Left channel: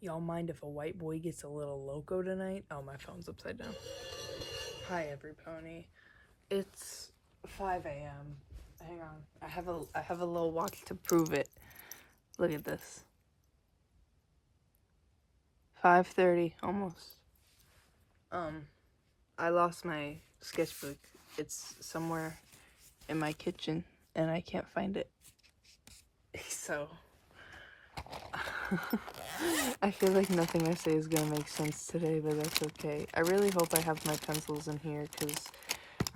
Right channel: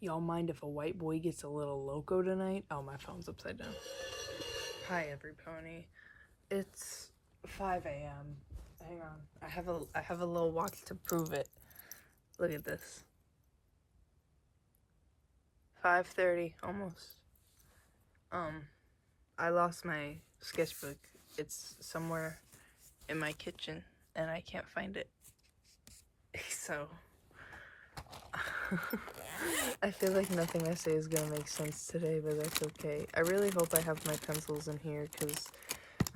Y'all mind if a white boy gets a little loco tonight? Oh, my phone's upside down. Hi, every pony. It's 5 a.m. Hang on. I have a little watch to prove it. Look at this. 5:30, almost. I lost my sketchbook. It's somewhere in my kitchen, and I can't find it. So, I feel like nothing I say is gonna make sense today, but that's okay. I really hope I have my pencils in here, because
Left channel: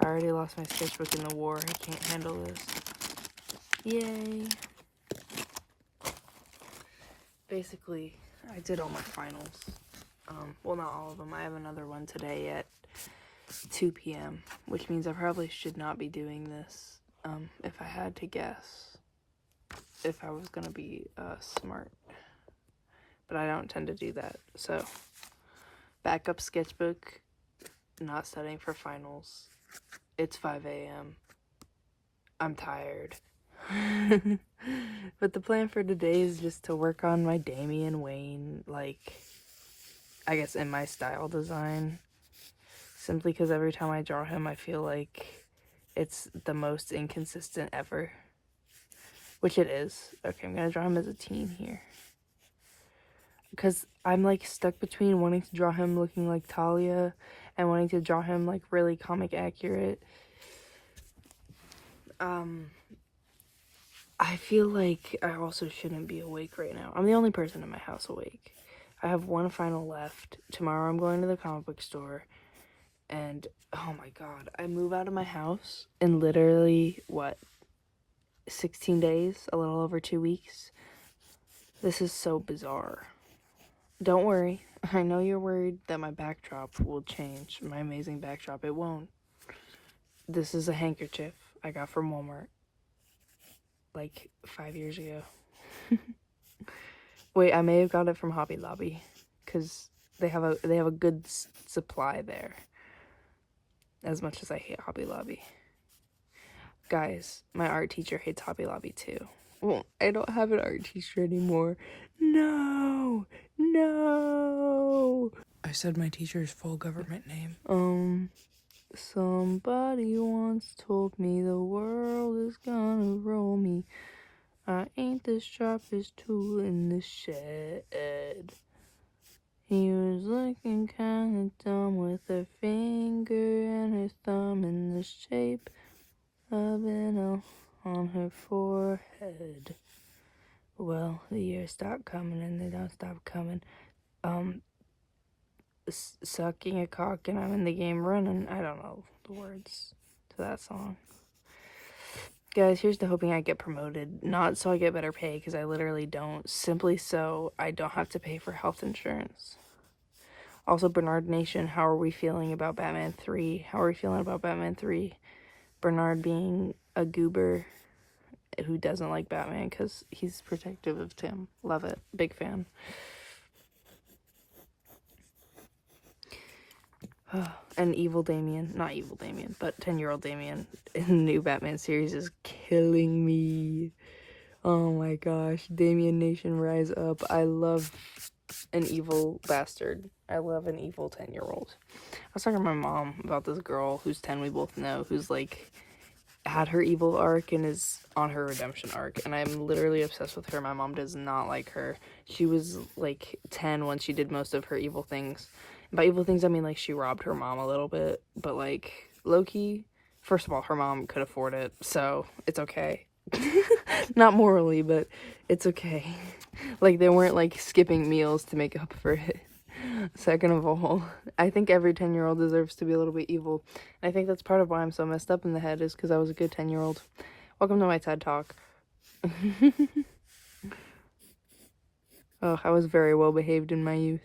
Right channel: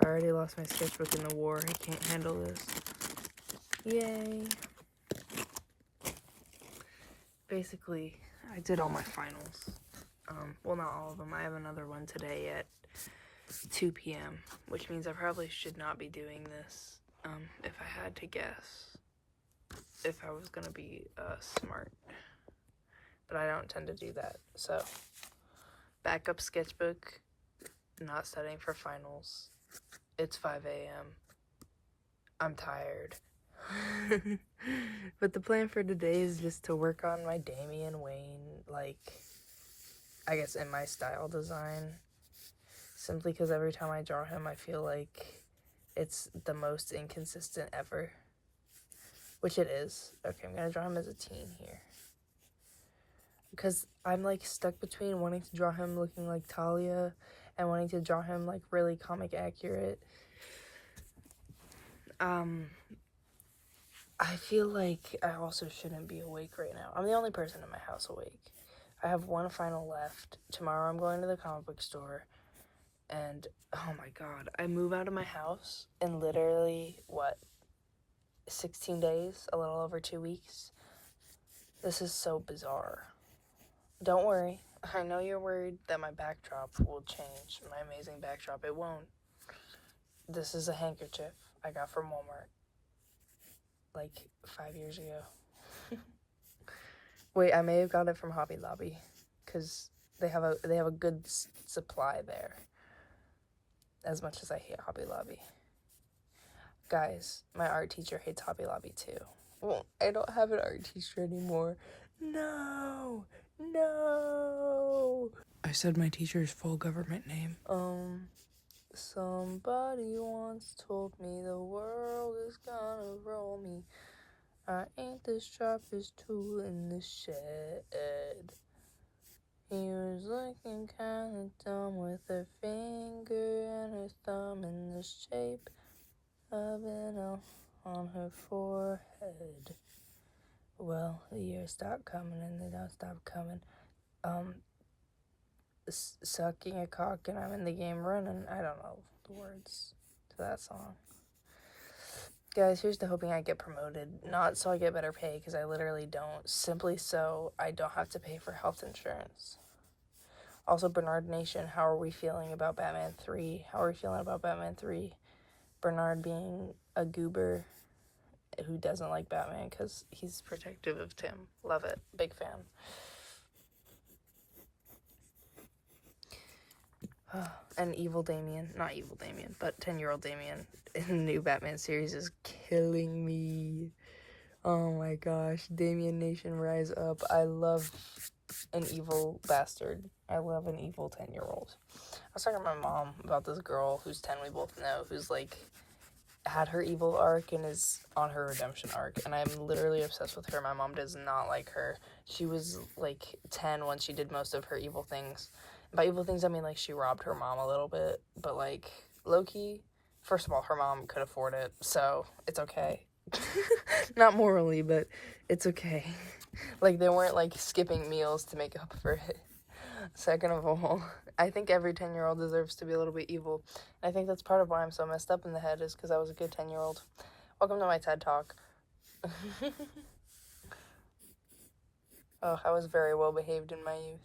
I already lost my sketchbook in the war. I can't handle this. Yay. Basically, I did all my finals. Well, not all of them. I have another one today at 2 p.m., which means I probably should not be doing this, if I had to guess, if I was gonna be smart. But I don't tend to do that. So, backup sketchbook, not studying for finals. It's 5 a.m. I'm tired. But the plan for today is just to work on my Damian Wayne, like, I guess in my style design. Simply because every time I draw him, I feel like it's the most inconsistent ever. Which it is. Okay, I'm gonna draw him as a teen here. Because I'm, like, stuck between wanting to draw him looking like Talia and wanting to draw him, like, really comic accurate. I feel like I also shouldn't be awake right now. I'm the only person in my house awake. I have one final left. Tomorrow I'm going to the comic book store. And, oh my god, I move out of my house in literally, 16 days? A little over 2 weeks? This is so bizarre. Don't worry. I know you're worried that my backdrop will change. My amazing backdrop. It won't. This is a handkerchief I got from Walmart. Like, 5 years ago. Wait, I may have got it from Hobby Lobby. Because they have a good supply there. As much as I hate Hobby Lobby. Guys, my art teacher hates Hobby Lobby too. Well, I don't have an art teacher anymore. No! No! I said my teacher's full government name. Somebody once told me the world is gonna roll me. I ain't the sharpest tool in the shed. He was looking kinda dumb with her finger and her thumb in the shape of an L on her forehead. Well, the years stop coming and they don't stop coming. Sucking a cock and I'm in the game running. I don't know the words to that song. Guys, here's to hoping I get promoted. Not so I get better pay, because I literally don't. Simply so I don't have to pay for health insurance. Also, Bernard Nation, how are we feeling about Batman 3? How are we feeling about Batman 3? Bernard being a goober who doesn't like Batman because he's protective of Tim. Love it. Big fan. And evil Damian, not evil Damian, but 10-year-old Damian in the new Batman series is killing me. Oh my gosh. Damian Nation, rise up. I love an evil bastard. I love an evil 10-year-old. I was talking to my mom about this girl who's 10, we both know, who's like had her evil arc and is on her redemption arc, and I'm literally obsessed with her. My mom does not like her. She was like 10 when she did most of her evil things. And by evil things I mean like she robbed her mom a little bit, but like low-key, first of all, her mom could afford it, so it's okay. Not morally, but it's okay. Like they weren't like skipping meals to make up for it. Second of all, I think every 10-year-old deserves to be a little bit evil. And I think that's part of why I'm so messed up in the head, is because I was a good 10-year-old. Welcome to my TED Talk. Oh, I was very well behaved in my youth.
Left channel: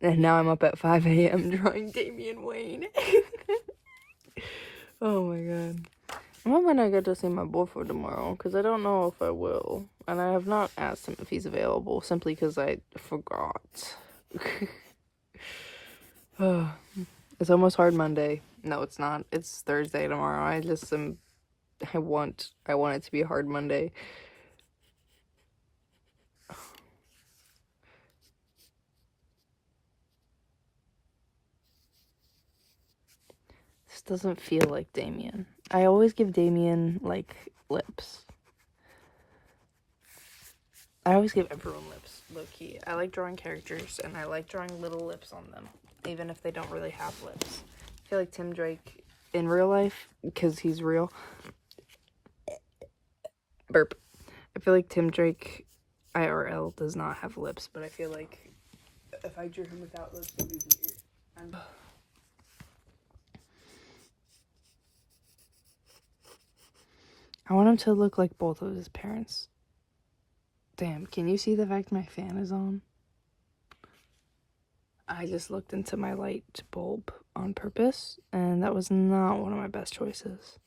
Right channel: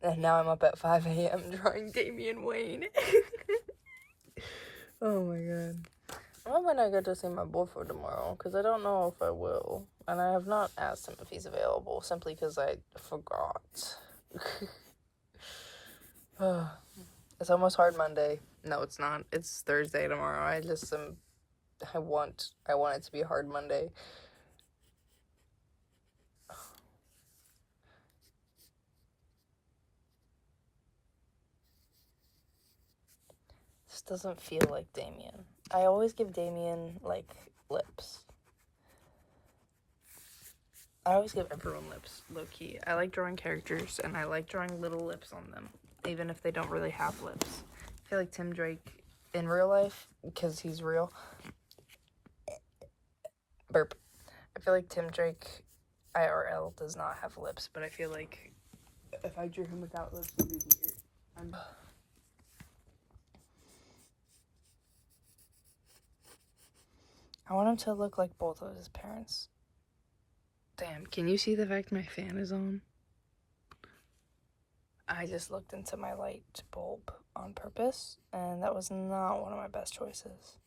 And now I'm up at 5 a.m. drawing Damian Wayne. Oh my god. I'm hoping I get to see my boyfriend tomorrow, because I don't know if I will. And I have not asked him if he's available, simply because I forgot. It's almost Hard Monday. No, it's not. It's Thursday tomorrow. I want it to be Hard Monday. doesn't feel like Damien. I always give Damien, like, lips. I always give everyone lips, low-key. I like drawing characters, and I like drawing little lips on them, even if they don't really have lips. I feel like Tim Drake, in real life, because he's real, burp. I feel like Tim Drake, IRL, does not have lips, but I feel like if I drew him without lips, it would be weird. I want him to look like both of his parents. Damn, can you see the fact my fan is on? I just looked into my light bulb on purpose, and that was not one of my best choices.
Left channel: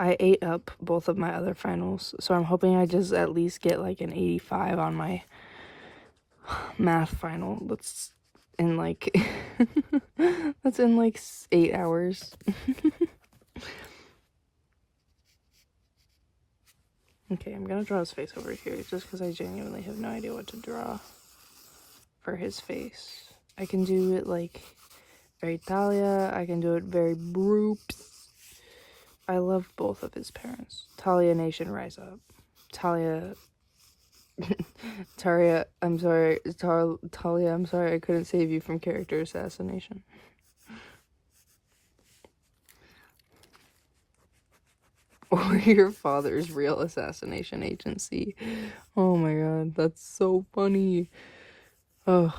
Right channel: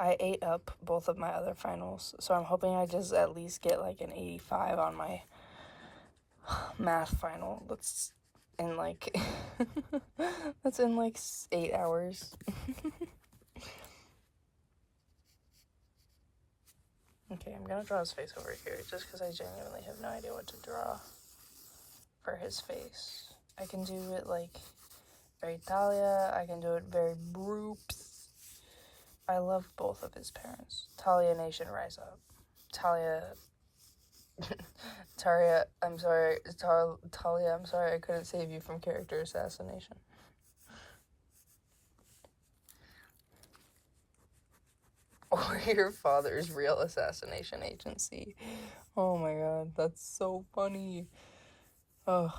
I ate up both of my other finals, so I'm hoping I just at least get like an 85 on my math final. That's in like that's in like 8 hours. Okay, I'm gonna draw his face over here just because I genuinely have no idea what to draw for his face. I can do it like very Talia, I can do it very Broops. I love both of his parents. Talia Nation, rise up. Talia, I'm sorry, Talia, I'm sorry I couldn't save you from character assassination. Or your father's real assassination agency. Oh my god, that's so funny. Oh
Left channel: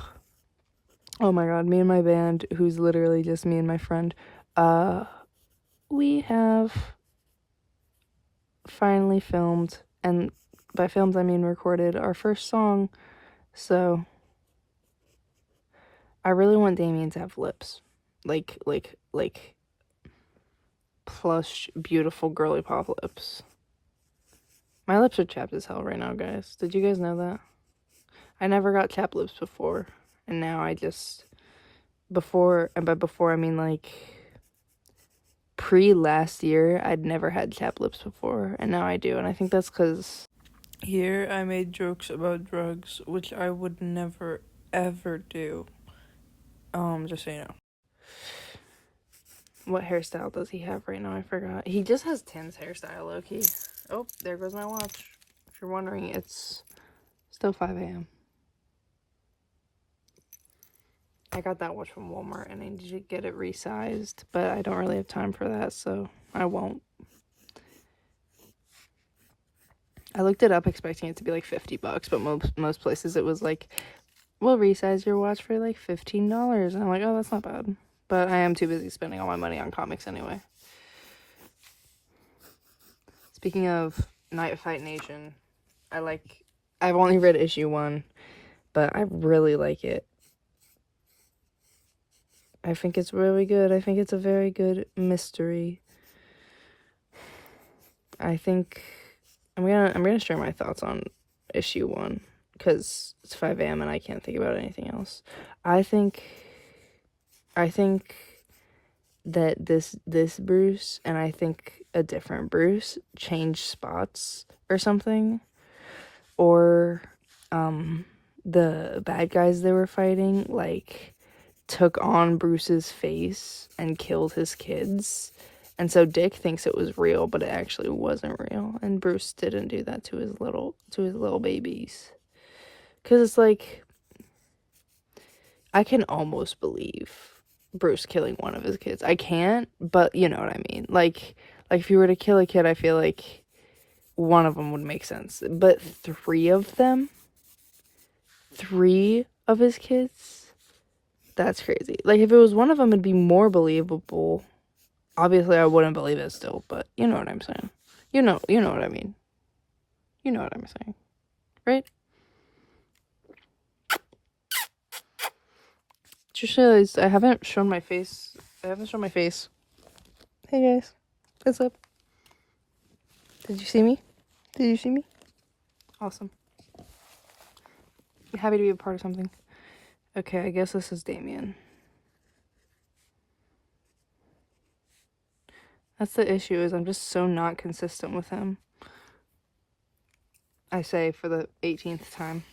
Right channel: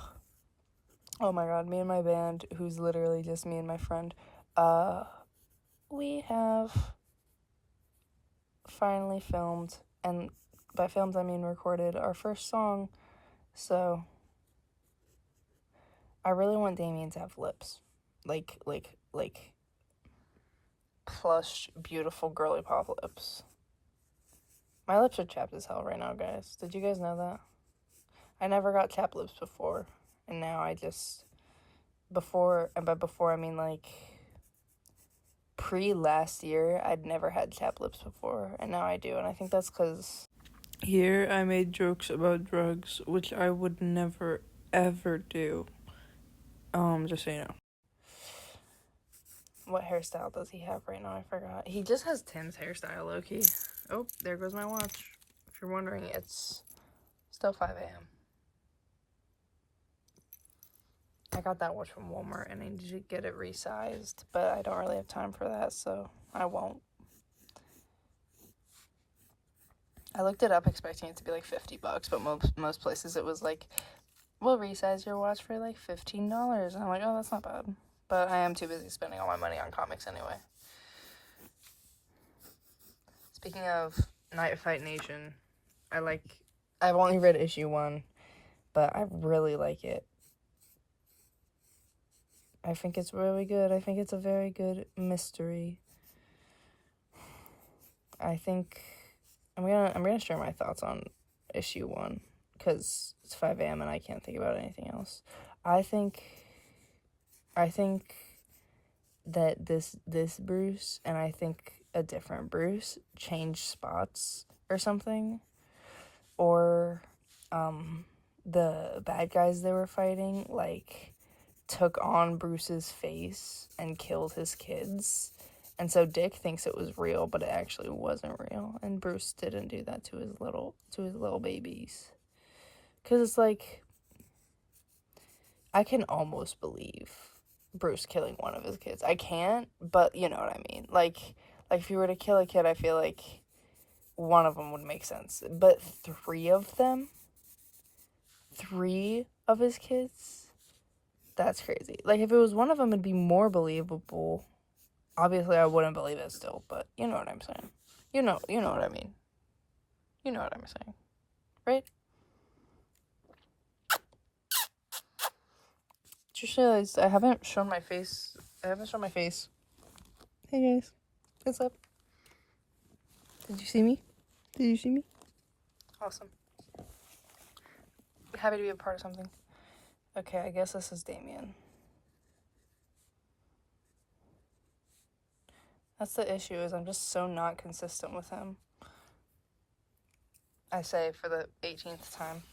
my god, me and my band, who's literally just me and my friend, we have finally filmed, and by filmed I mean recorded, our first song. So I really want Damien to have lips, like plush, beautiful girly pop lips. My lips are chapped as hell right now, guys. Did you guys know that? I never got chapped lips before, and now I just, before, and by before I mean like pre-last year, I'd never had chapped lips before, and now I do, and I think that's because here I made jokes about drugs, which I would never ever do. Just so you know. What hairstyle does he have right now? I forgot. He just has Tim's hairstyle, low-key. Oh, there goes my watch. If you're wondering, it's still 5 a.m. I got that watch from Walmart, and I need to get it resized, but I don't really have time for that, so I won't. I looked it up expecting it to be like $50, but most places it was like, we'll resize your watch for like $15. And I'm like, oh, that's not bad. But I am too busy spending all my money on comics anyway. Speaking of Night Fight Nation, I've only read issue 1, but I really like it. I think it's really good. I think it's a very good mystery. I think I'm gonna share my thoughts on issue 1 because it's 5 a.m. and I can't think about anything else. I think that this Bruce and I think a different Bruce changed spots or something, or the bad guys they were fighting like took on Bruce's face and killed his kids, and so Dick thinks it was real, but it actually wasn't real, and Bruce didn't do that to his little babies. Because it's like, I can almost believe Bruce killing one of his kids. I can't, but you know what I mean. Like if you were to kill a kid, I feel like one of them would make sense. But 3 of them? 3 of his kids? That's crazy. Like, if it was one of them, it'd be more believable. Obviously, I wouldn't believe it still, but you know what I'm saying. You know what I mean. You know what I'm saying. Right? Just realized I haven't shown my face. Hey guys. What's up? Did you see me? Awesome. I'm happy to be a part of something. Okay, I guess this is Damien. That's the issue, is I'm just so not consistent with him. I say for the 18th time.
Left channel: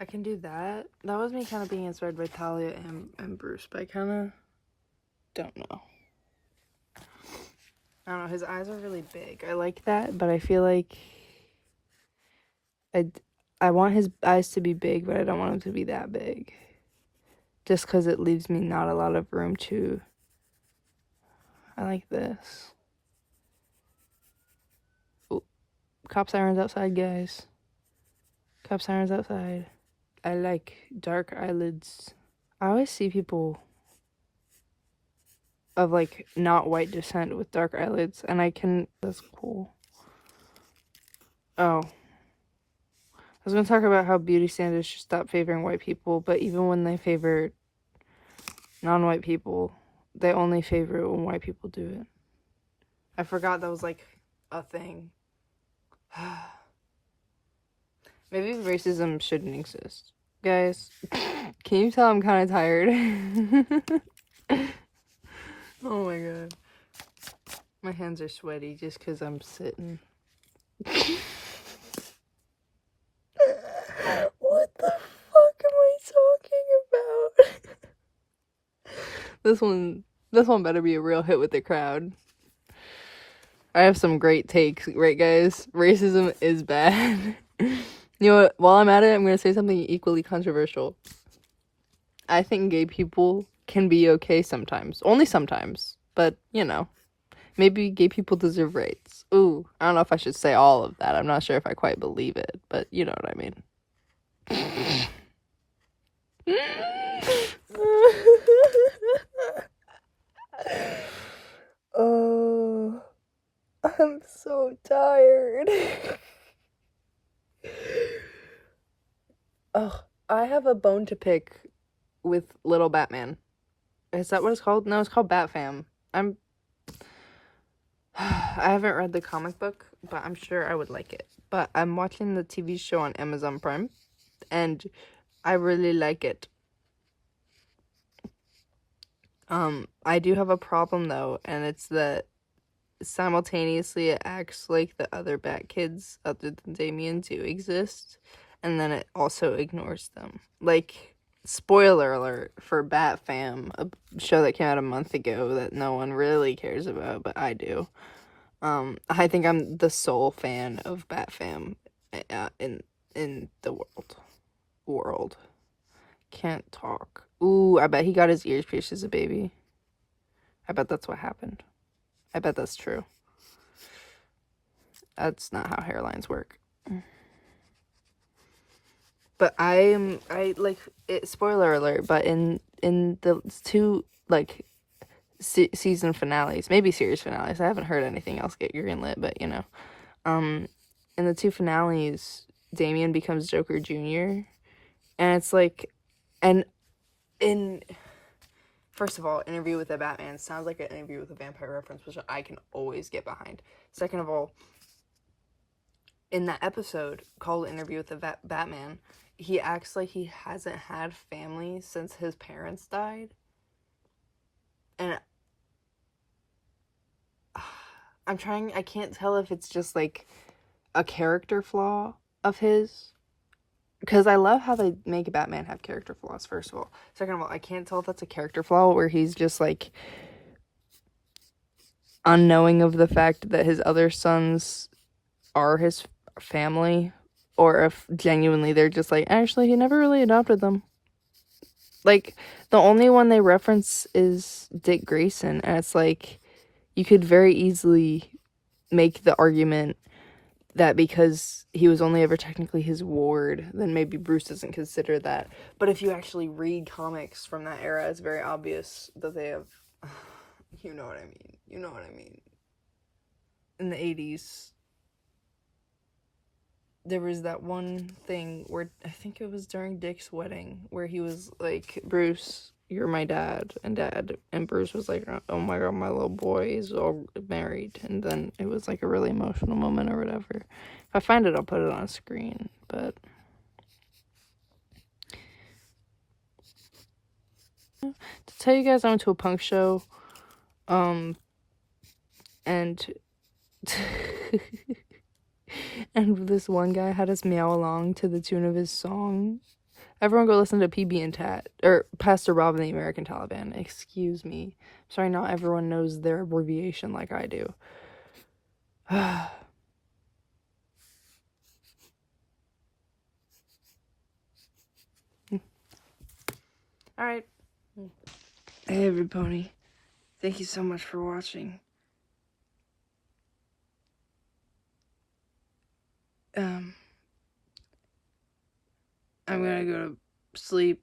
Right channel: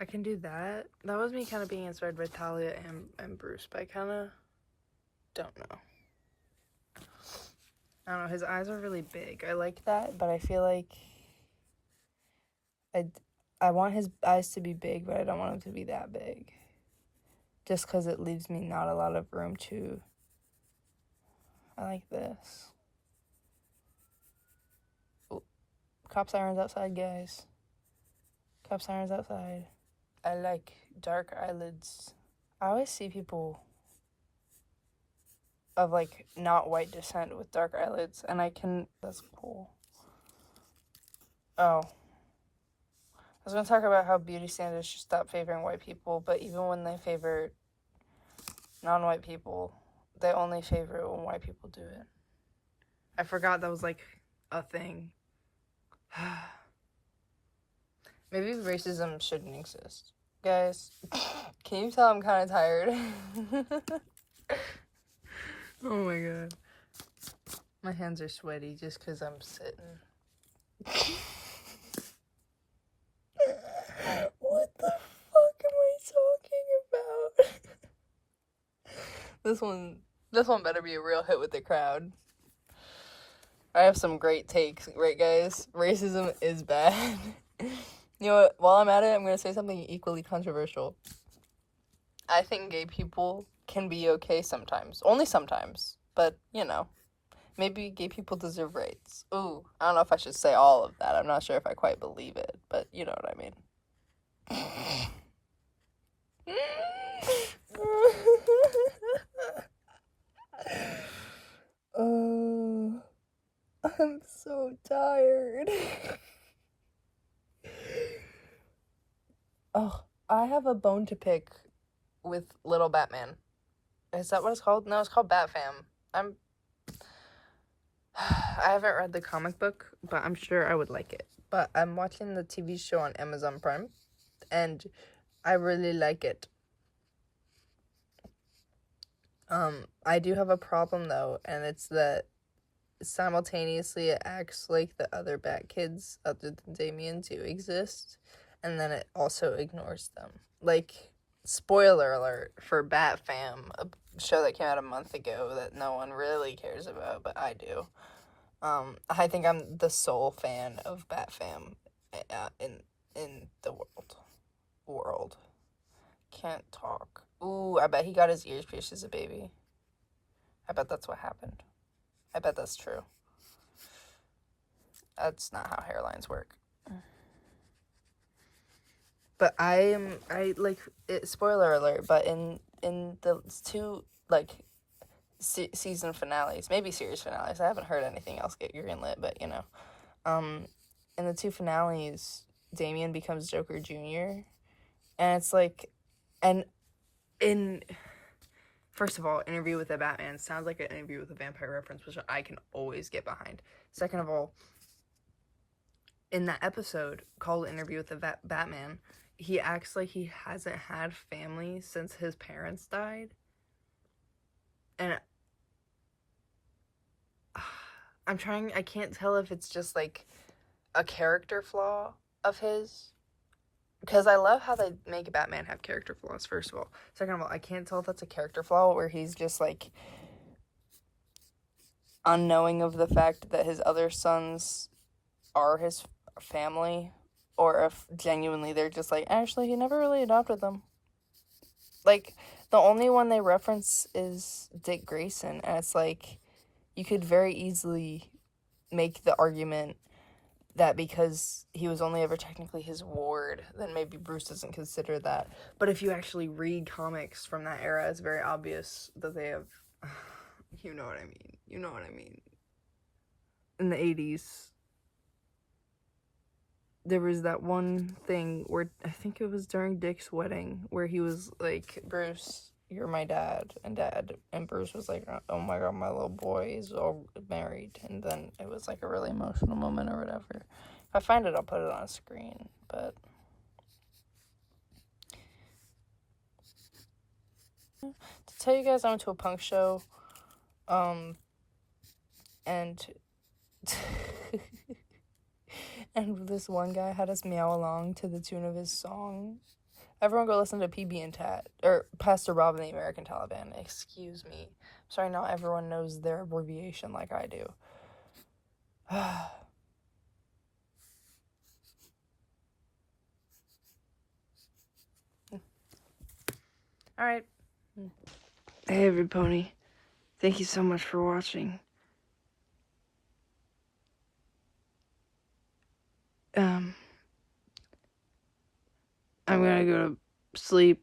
I can do that. That was me kind of being inspired by Talia and Bruce, but I kind of don't know. I don't know, his eyes are really big. I like that, but I feel like I want his eyes to be big, but I don't want them to be that big. Just because it leaves me not a lot of room to... I like this. Ooh. Cop sirens outside, guys. Cop sirens outside. I like dark eyelids. I always see people of, like, not white descent with dark eyelids, and I can... That's cool. Oh. I was going to talk about how beauty standards should stop favoring white people, but even when they favor non-white people, they only favor it when white people do it. I forgot that was, like, a thing. Maybe racism shouldn't exist. Guys, can you tell I'm kind of tired? Oh my god. My hands are sweaty just because I'm sitting. What the fuck am I talking about? This one better be a real hit with the crowd. I have some great takes, right guys? Racism is bad. You know what? While I'm at it, I'm gonna say something equally controversial. I think gay people can be okay sometimes. Only sometimes. But, you know. Maybe gay people deserve rights. Ooh, I don't know if I should say all of that. I'm not sure if I quite believe it, but you know what I mean. Oh, I'm so tired. Ugh, I have a bone to pick with Little Batman. Is that what it's called? No, it's called Batfam. I haven't read the comic book, but I'm sure I would like it. But I'm watching the TV show on Amazon Prime, and I really like it. I do have a problem though, and it's that simultaneously it acts like the other Bat Kids other than Damian do exist, and then it also ignores them. Like, spoiler alert for Bat Fam, a show that came out a month ago that no one really cares about, but I do. I think I'm the sole fan of Bat Fam in the world. Can't talk. Ooh, I bet he got his ears pierced as a baby. I bet that's what happened. I bet that's true. That's not how hairlines work. But I like it, spoiler alert, but in the two, like, season finales, maybe series finales, I haven't heard anything else get greenlit, but you know, in the two finales, Damian becomes Joker Jr., and it's like, and in, first of all, Interview with the Batman sounds like an Interview with a Vampire reference, which I can always get behind. Second of all, in that episode called Interview with the Batman, he acts like he hasn't had family since his parents died. And I can't tell if it's just like a character flaw of his. Because I love how they make Batman have character flaws, first of all. Second of all, I can't tell if that's a character flaw where he's just like unknowing of the fact that his other sons are his family, or if genuinely they're just like, actually, he never really adopted them. Like, the only one they reference is Dick Grayson, and it's like, you could very easily make the argument that because he was only ever technically his ward, then maybe Bruce doesn't consider that. But if you actually read comics from that era, it's very obvious that they have, you know what I mean. In the 80s, there was that one thing where, I think it was during Dick's wedding, where he was like, Bruce, you're my dad, and Bruce was like, oh my god, my little boy is all married, and then it was like a really emotional moment or whatever. If I find it, I'll put it on screen, but to tell you guys, I went to a punk show, and and this one guy had us meow along to the tune of his song, Everyone go listen to PB and Tat, or Pastor Rob and the American Taliban. Excuse me. Sorry, not everyone knows their abbreviation like I do. Alright. Hey, everybody. Thank you so much for watching. I'm gonna go to sleep.